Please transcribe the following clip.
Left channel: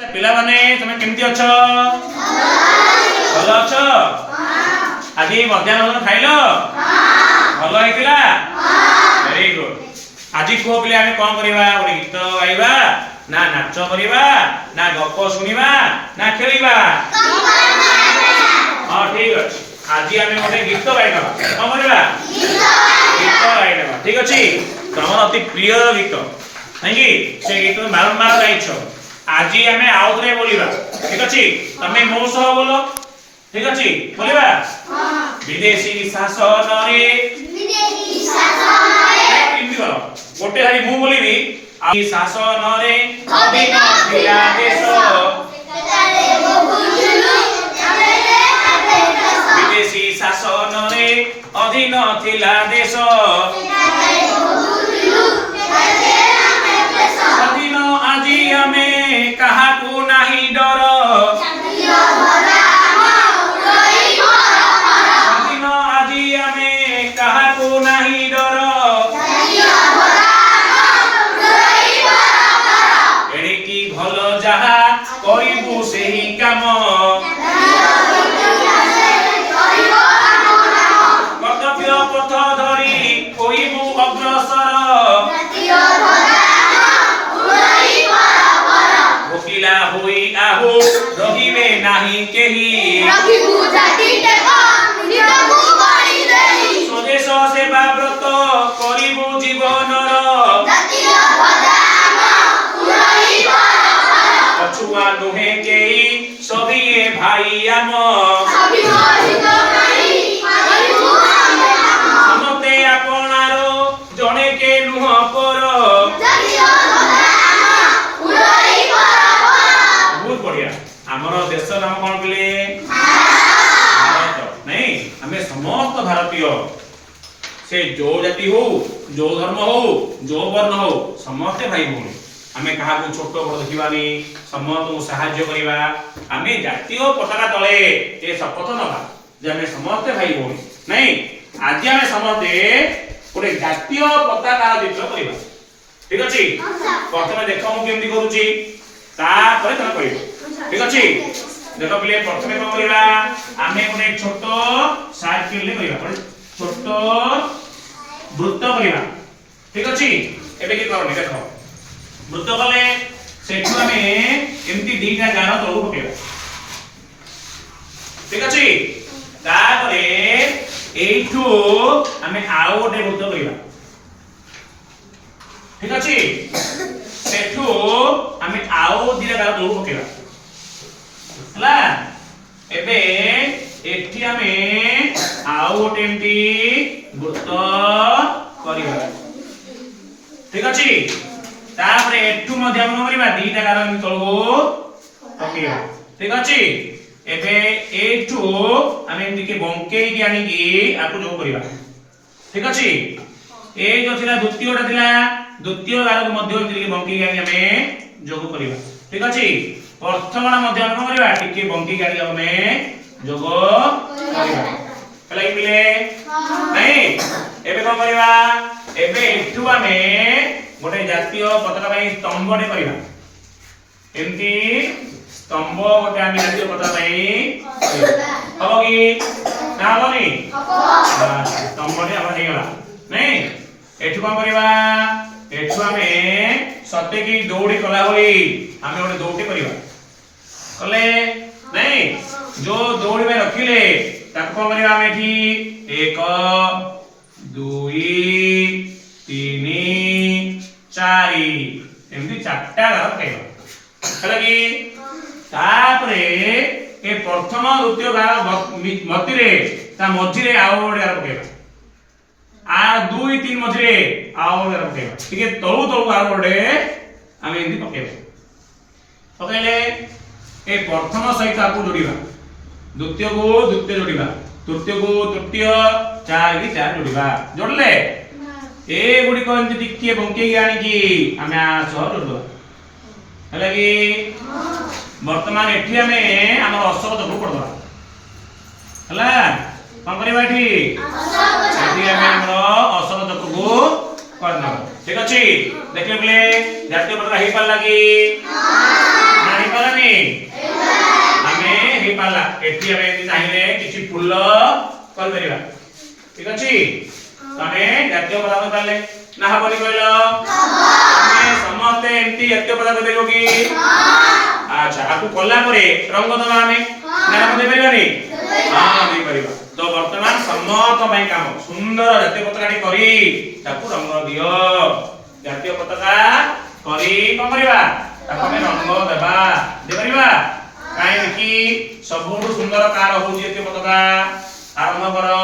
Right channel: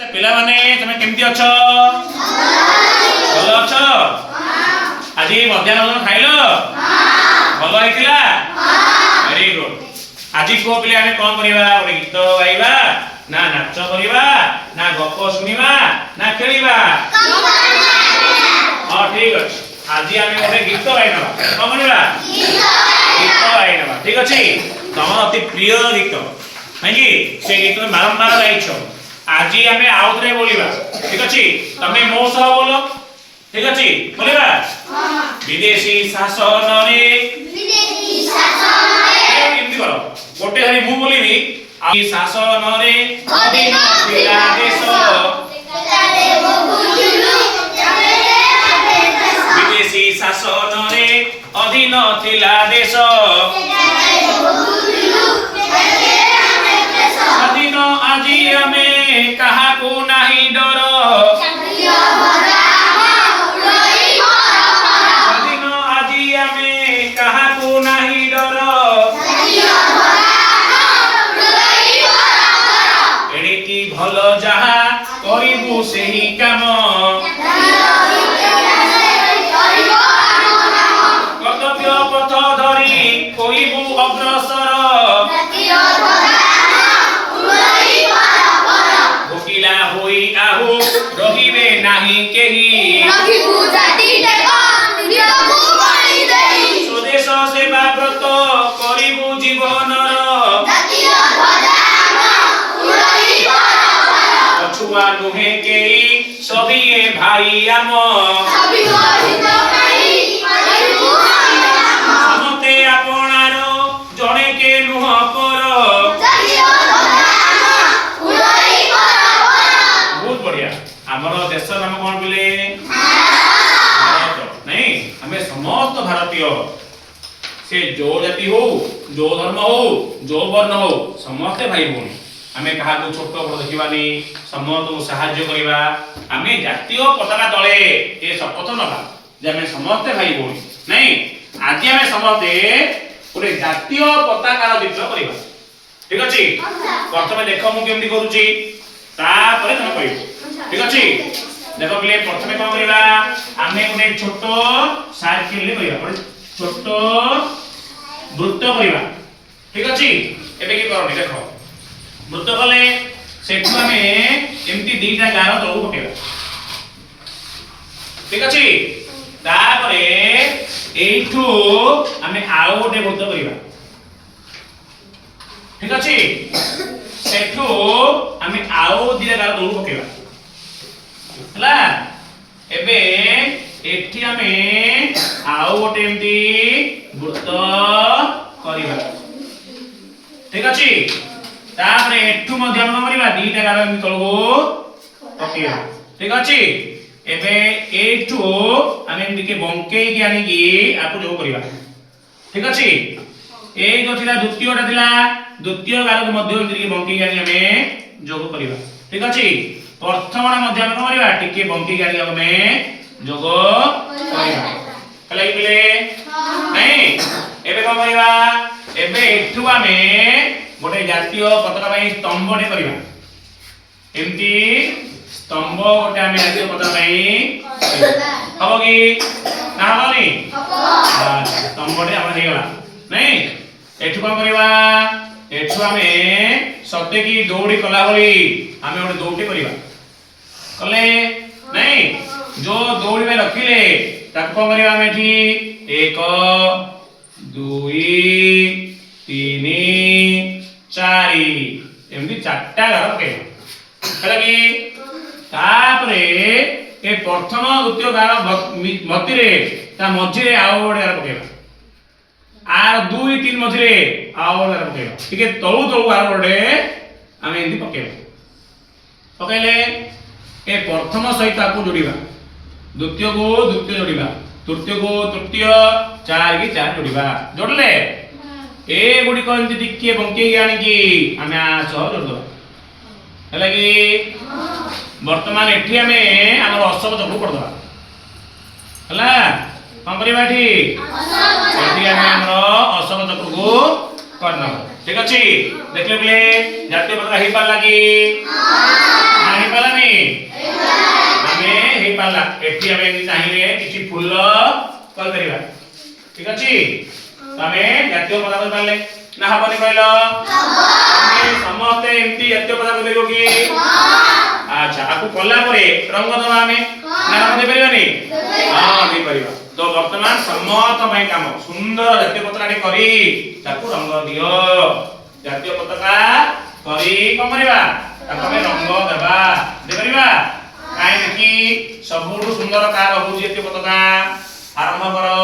पिला माने तमे केमती अछ भलो अछ आज मध्याह्न भोजन खाइलो भलो हेतिला वेरी गुड आज को पिले आमे कोन करिवा ओटे गीत गाइबा ना नाच करिवा ना गप सुनिबा ना खेलिबा हां ठीक अछि आज आमे ओटे गीत गाइबा कोन करिवा गीत गाइबा ठीक अछि तम अति प्रिय गीत नहीं से गीत बारंबार गाइछो आज आमे आउतरे बोलिबा ठीक अछि तमे मो सह बोलो ठीक अछि बोलिबा हां विदेशी शासन रे केमति बोलो गोटे हारी मु बोलिबी आ शासन रे अधीन थिला देश विदेशी शासन रे अधीन थिला देश अधीन आज आमे कहा को नाही डर अधीन आज आमे कहा को नाही डर एडी की भलो जहा करिबु सेही काम कर्तव्य पथ धरी कोइबु अग्रसर भोकिला होई आहु रहिबे नाही केही स्वदेश सेवा व्रत करिबु जीवनर पछुआ नुहे केई सबिए भाई आम समते आपणारो जणे के नुह पर बहुत बढ़िया हमर देश नाम कोन बोले भारत नहीं हमें समस्त भारतीय से जो जाति हो जो धर्म हो जो वर्ण हो समस्त भाई भूमि हमें कहा को छोट बड़ देखिबानी समस्त को सहाय्य करिबा हमें जातीय पताका तळे ए शपथ नबा जे हमें समस्त भाई भूमि नहीं आज हमें समस्त ओरे जातीय पताकार चित्र करिबा ठीक अछि प्रथमे देखो मु केमति करूची ता परे तमे कहिबो ठीक अछि देखो पहिले प्रथमे कोन करिबा हमें ओने छोटो सर्किल ले करिबा छोट वृत्त करिबा ठीक अछि एबे की करनी देखो वृत्त कले सेठु हमें एमती दीटा गार तळु पकेबा ठीक अछि तापरे एठू हमें आउ गोटे वृत्त करिबा ठीक अछि सेठू हमें आउ दीटा गार तळु पकेबा हला एबे एठी हमें आउ गोटे एमती वृत्त करिबा ठीक अछि तापरे एठू मध्य हम करिबा दीटा गार एमती तळु पकेबा ठीक अछि एबे एठू हमें एमती के बंकेई के आनी की आपु जो करिबा ठीक अछि ए जो थिला द्वितीयटा थिला द्वितीय गार को मध्य एमती के बंकेई के आनी हमें जोग करिबा ठीक अछि प्रथमटा मध्य हम करिबा टिके बंकेई के आनी हमें जोग करिबा हला इबिले नहीं एबे कोन करिबा एबे एठू हमें गोटे जातीय पताका पई स्तंभटे करिबा एमती स्तंभ गोटे हमें जातीय पताका पई हबो की ना हबोनी स्तंभटे हमरा हे गला नहीं एठू कोन करिबा एठू हमें सत्य की दौड़ी कला होई हमें गोटे दौड़ी करिबा कले नहीं जो दौड़ी में रखिले ताको कोन करिबा हमें एठी 1 2 3 4 एमती चारटा गार पकेबा हला की तापरे ए प्रथम द्वितीय गार मध्य रे ता मध्य रे आउ गोटे गार पकेबा आ 2 3 मध्य रे आउ गोटे गार पकेबा ठीक है तळु तळु गार गोटे हमें एमती पकेबा पकेले ए प्रथम सहित आपको जोड़ीबा द्वितीय को द्वितीय जोड़ीबा तृतीय को तृतीय चार की चार जोड़ीबा जोड़ले ए गुडी को एमती टिके बंकेई आनी की हमें आ सह जोड़ दबा हला की वर्तमान एठी हमें हमर अशोक चक्र पड़ दबा हला कोन करिबा एठी एठी हमें हमर अशोक चक्र को करना ठीक अछि देखले बोले जातीय पताका हे पाला की हां नाही पाला नहीं आमे हे पाला एठी आमे चाहिले किछि फूल कल करिवा ठीक अछि तमे जातीय पदार्थ पाले ना हबनी कहलो आमे समस्त एमती जातीय पदार्थ देबो की अच्छा आकु कोल्ला परे रंग दबा आमे ना रंग दे परिबानी हां दे परिबा तो वर्तमान समस्त भाई काम सुंदर जातीय पताका करी ताकु रंग दियो जातीय पताका करी कोन परिबा ताकु आमे रंग देबा दे परिबा काहे कि सबुठु सुंदर कार होउची जातीय पताका आरंभ करो